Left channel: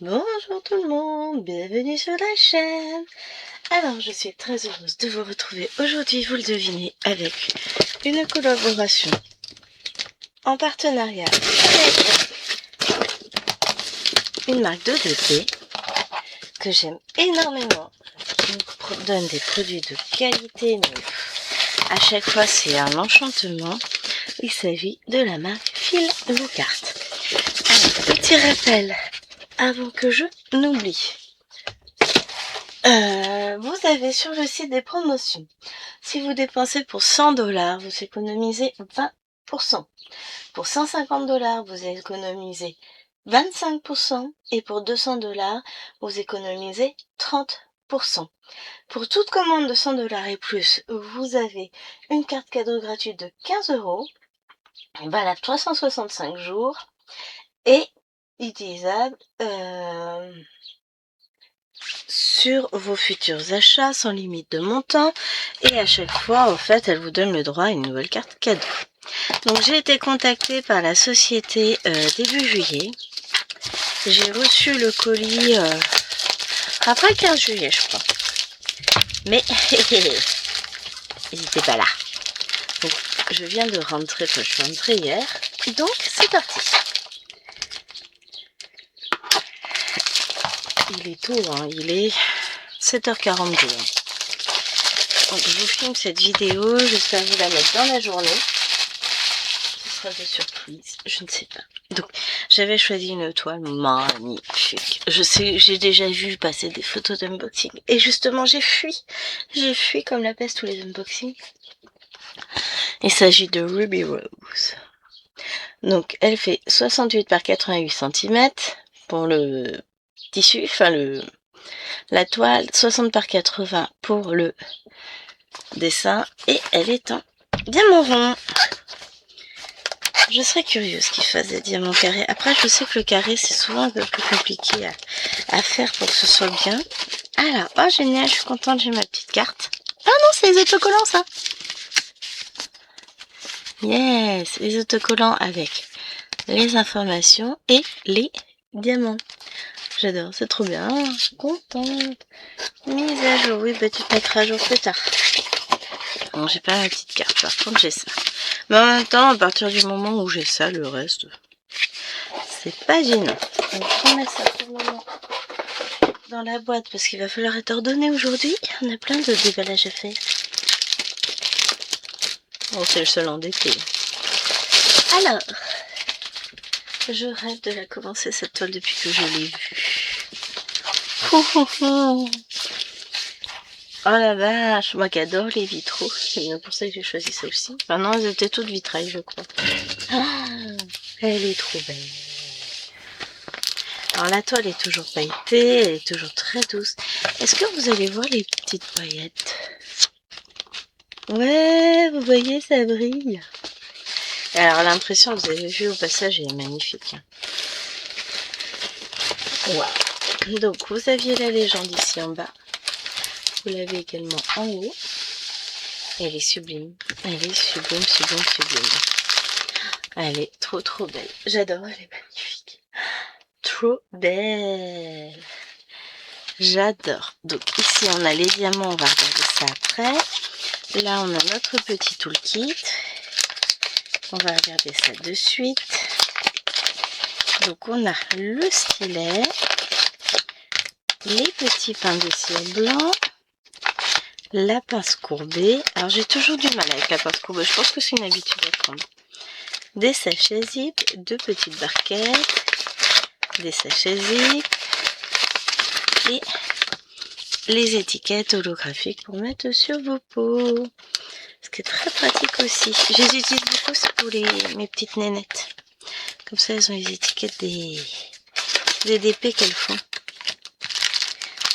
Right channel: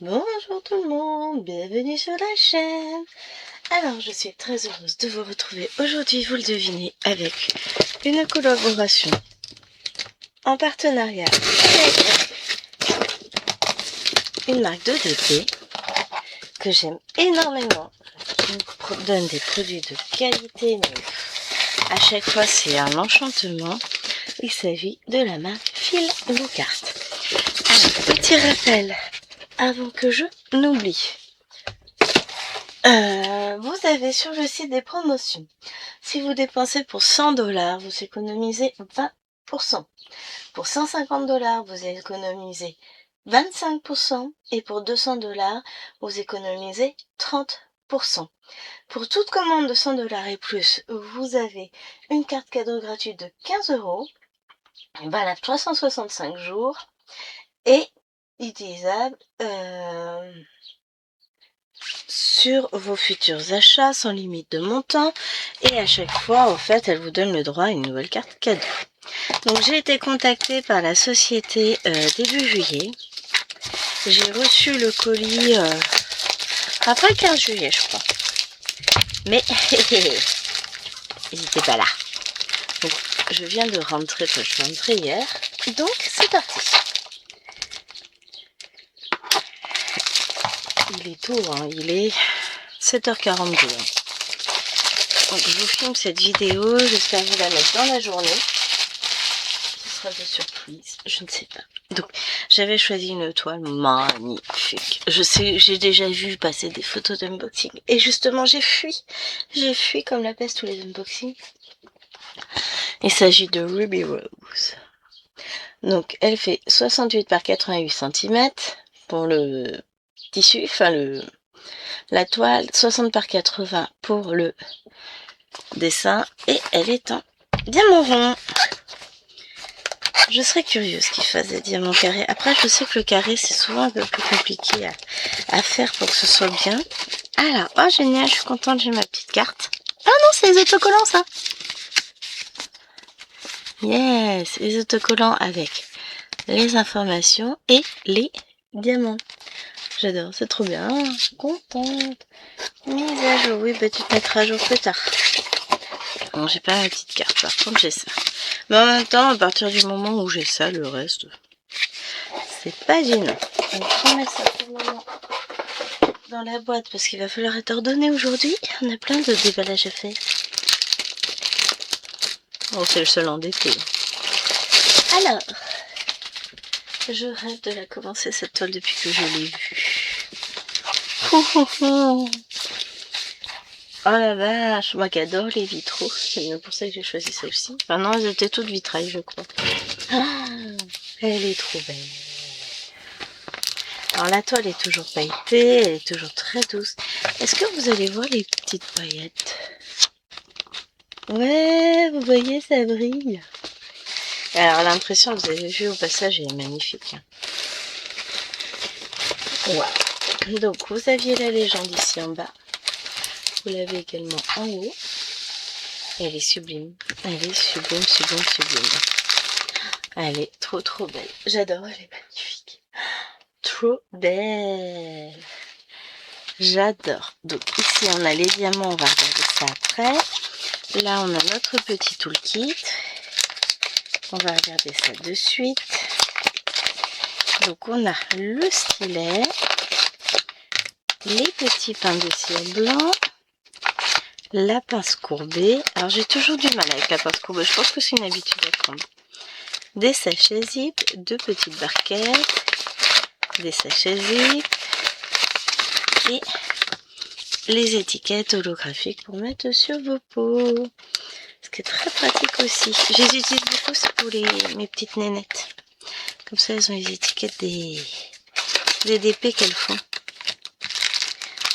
Bonjour tout le monde, bienvenue sur la chaîne. Alors je suis très heureuse de vous retrouver aujourd'hui, vous le devinez, avec une collaboration en partenariat avec une marque de 2P que j'aime énormément. Qui me donne des produits de qualité, mais à chaque fois c'est un enchantement. Il s'agit de la marque Fil Le Carte. Alors, petit rappel avant que je n'oublie. Vous avez sur le site des promotions. Si vous dépensez pour 100$, vous économisez 20%. Pour 150$, vous économisez 25%. Et pour 200$, vous économisez 30%. Pour toute commande de 100$ et plus, vous avez une carte cadeau gratuite de 15€, valable 365 jours et utilisable sur vos futurs achats sans limite de montant, et à chaque fois en fait elle vous donne le droit à une nouvelle carte cadeau. Donc j'ai été contactée par la société début juillet. J'ai reçu le colis après le 15 juillet je crois, mais ils n'étaient pas là. Donc je viens de rentrer, je suis rentrée hier, donc c'est parti. Il est tôt, hein, il est 7h42. Donc je vous filme cette vidéo, j'espère vous la mettre dans la journée. Ce sera de surprise, je ne sais pas. Donc j'avais choisi une toile magnifique. Je sais, j'ai déjà vu passer des photos d'unboxing. Et justement j'ai fui comme la peste tous les unboxings. Il s'agit de Ruby Rose. Donc elle fait 68 par 88 cm pour le tissu, enfin la toile, 60 par 80 pour le dessin, et elle est en diamant rond. Je serais curieuse qu'ils fassent des diamants carrés. Après, je sais que le carré, c'est souvent un peu plus compliqué à faire pour que ce soit bien. Alors, oh génial, je suis contente, j'ai ma petite carte. Ah non, c'est les autocollants, ça. Yes, les autocollants avec les informations et les diamants. J'adore, c'est trop bien. Je suis contente. Mise à jour, oui, bah tu te mettras à jour plus tard. Bon, j'ai pas ma petite carte, par contre j'ai ça. Mais en même temps, à partir du moment où j'ai ça, le reste, c'est pas gênant. Donc je remets ça pour le moment dans la boîte parce qu'il va falloir être ordonné aujourd'hui. On a plein de déballages à faire. Bon, c'est le seul endetté. Alors, je rêve de la commencer cette toile depuis que je l'ai vue. Oh la vache, moi qui adore les vitraux, c'est bien pour ça que j'ai choisi celle-ci. Enfin non, elles étaient toutes vitrailles je crois. Ah, elle est trop belle. Alors la toile est toujours pailletée, elle est toujours très douce. Est-ce que vous allez voir les petites paillettes? Ouais, vous voyez, ça brille. Alors l'impression que vous avez vue au passage est magnifique. Wow. Donc vous aviez la légende ici en bas. Vous l'avez également en haut. Elle est sublime. Elle est sublime, sublime, sublime. Elle est trop trop belle. J'adore, elle est magnifique. Trop belle. J'adore. Donc ici on a les diamants, on va regarder ça après. Là on a notre petit toolkit. On va regarder ça de suite. Donc on a le stylet, les petits pains de ciel blanc, la pince courbée. Alors j'ai toujours du mal avec la pince courbée, je pense que c'est une habitude à prendre. Des sachets zip, deux petites barquettes, des sachets zip et les étiquettes holographiques pour mettre sur vos pots. Ce qui est très pratique aussi. Je les utilise beaucoup, c'est pour mes petites nénettes. Comme ça elles ont les étiquettes des DP qu'elles font.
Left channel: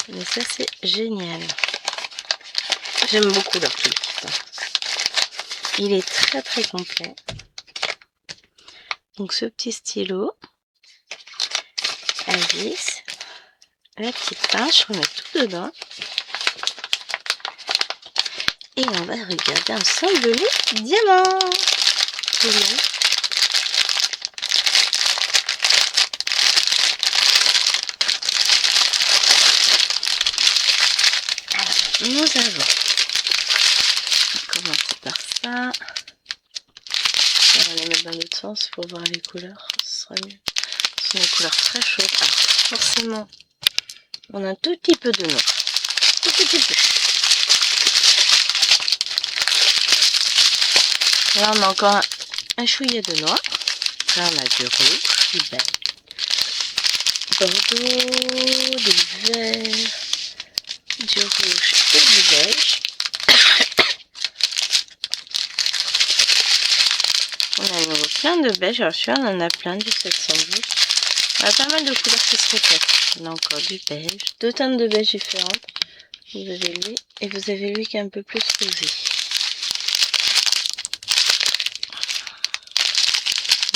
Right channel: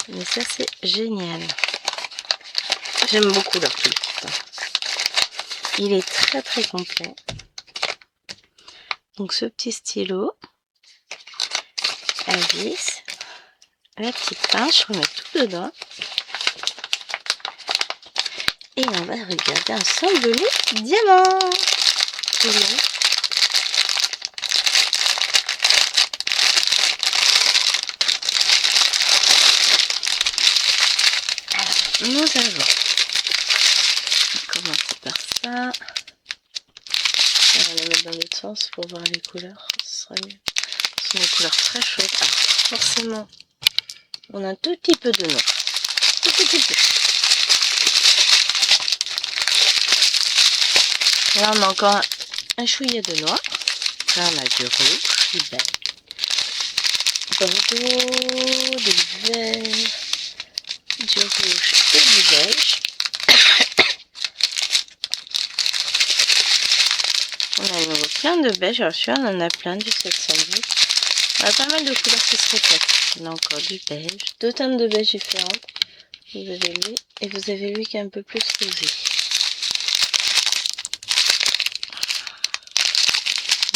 Mais ça c'est génial. J'aime beaucoup leur toolkit. Il est très très complet. Donc ce petit stylo à vis, la petite pince, je remets tout dedans. Et on va regarder ensemble les diamants. nous avons, on va commencer par ça. On va les mettre dans l'autre sens pour voir les couleurs, ce sera mieux. Ce sont des couleurs très chaudes. Alors forcément, on a un tout petit peu de noir. Tout petit peu. Là on a encore un chouïa de noir. Là on a du rouge, du beige, bordeaux, du vert, du rouge et du beige. On a à nouveau plein de beige. Alors celui-là on en a plein du 712. On a pas mal de couleurs qui se répètent. On a encore du beige, deux teintes de beige différentes. Vous avez lui et vous avez lui qui est un peu plus rosé.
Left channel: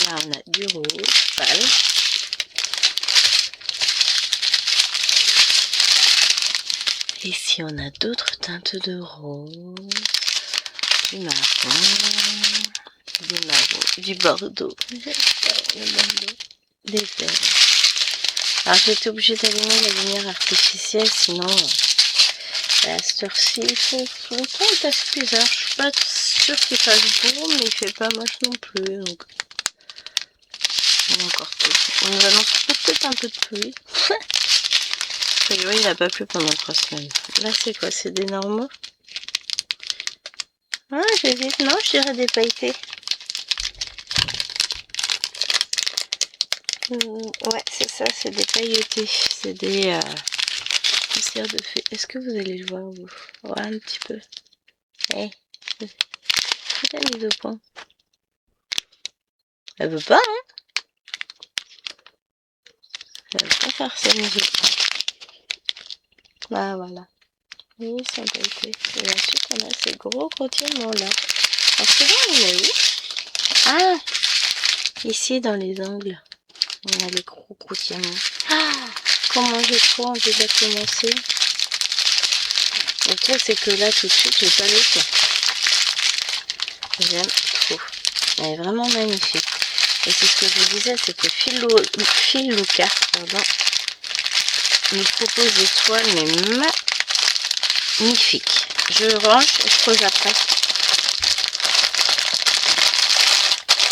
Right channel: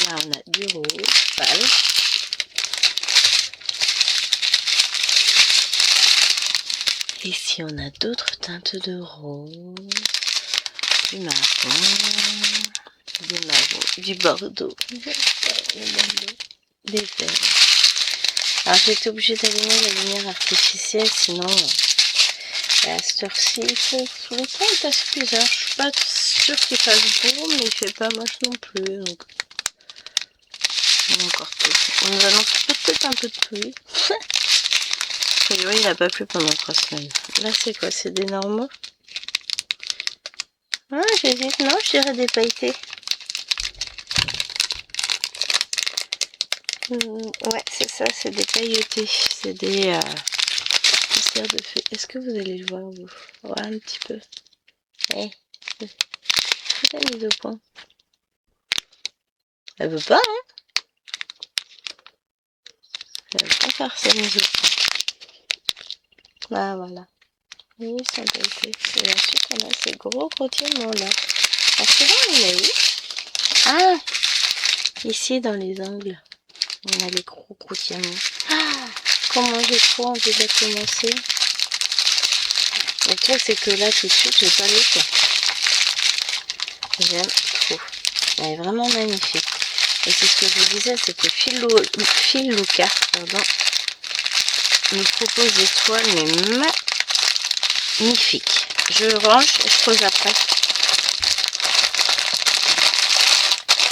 Là on a du rouge pâle. Ici on a d'autres teintes de rose, du marron, du bordeaux, des verts. Alors j'étais obligée d'allumer la lumière artificielle, sinon à cette heure-ci, le temps est assez bizarre. Je suis pas sûre qu'il fasse beau, mais il fait pas moche non plus. Donc on a encore tout. On nous annonce peut-être un peu de pluie. A priori, il n'a pas plu pendant 3 semaines. Là, c'est quoi? C'est des normaux? Ah, j'hésite. Non, je dirais des pailletés. Ouais, c'est ça, c'est des pailletés. C'est des poussières de fée. Est-ce que vous allez le voir, vous? Ouais, un petit peu. Eh, c'est la mise au point. Elle veut pas, hein? Elle veut pas faire sa mise au point. Ah, voilà. Oui, ça a été. Et ensuite, on a ces gros retinements là. Alors, celui-là, on est où? Ah! Ici, dans les angles. On a les gros retinements. Ah! Comment j'ai trop envie de commencer. Le truc, c'est que là, tout de suite, j'ai pas le temps. J'aime trop. Elle est vraiment magnifique. Et c'est ce que je vous disais, c'est que Phil Lucas, nous propose des toiles, mais magnifiques. Je range et je pose après.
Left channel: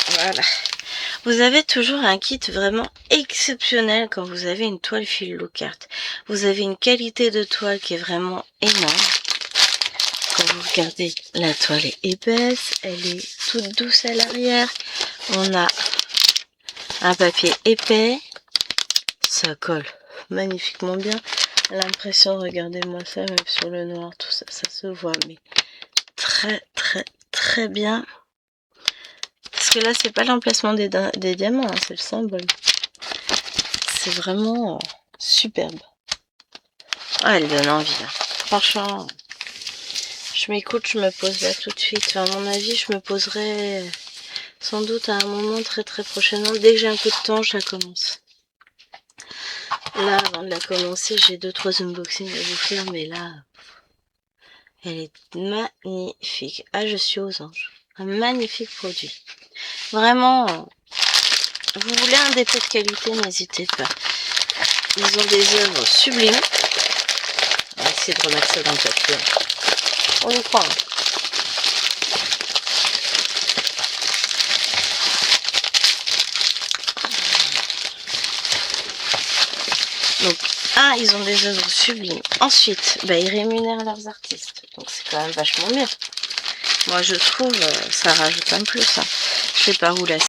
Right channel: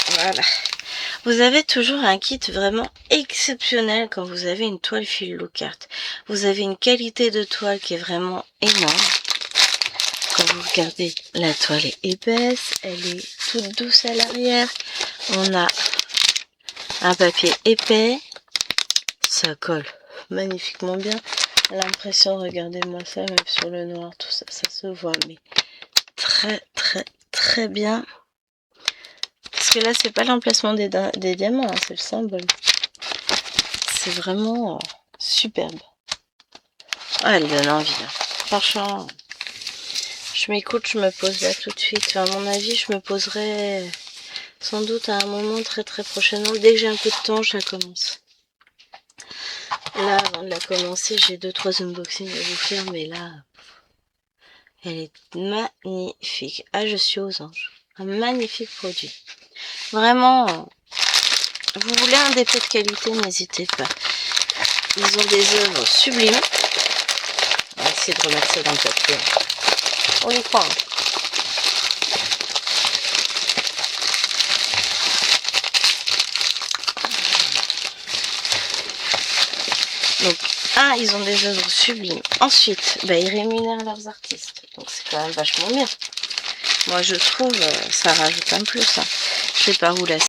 Voilà. Vous avez toujours un kit vraiment exceptionnel quand vous avez une toile Phil Lucas. Vous avez une qualité de toile qui est vraiment énorme. Quand vous regardez, la toile est épaisse, elle est toute douce à l'arrière. On a un papier épais. Ça colle magnifiquement bien. L'impression, regardez-moi ça, même sur le noir, tout ça, ça se voit, mais très très très bien. Parce que là, c'est pas l'emplacement des diamants, hein, c'est le symbole. C'est vraiment superbe. Ah, elle donne envie, là. Franchement, je m'écoute, je me pose là tout de suite. Enfin, à mon avis, je me poserai sans doute à un moment très très prochainement. Dès que j'ai un peu de temps, je la commence. Là, avant de la commencer, j'ai 2-3 unboxings à vous faire, mais là, elle est magnifique. Ah, je suis aux anges. Un magnifique produit. Vraiment, vous voulez un dépôt de qualité, n'hésitez pas. Ils ont des œuvres sublimes. On va essayer de remettre ça dans le papier. On y croit. Hein. Donc, ils ont des œuvres sublimes. Ensuite, ils rémunèrent leurs artistes. Donc, c'est quand même vachement bien. Moi, je trouve, ça rajoute un plus. Hein. Je sais pas où là.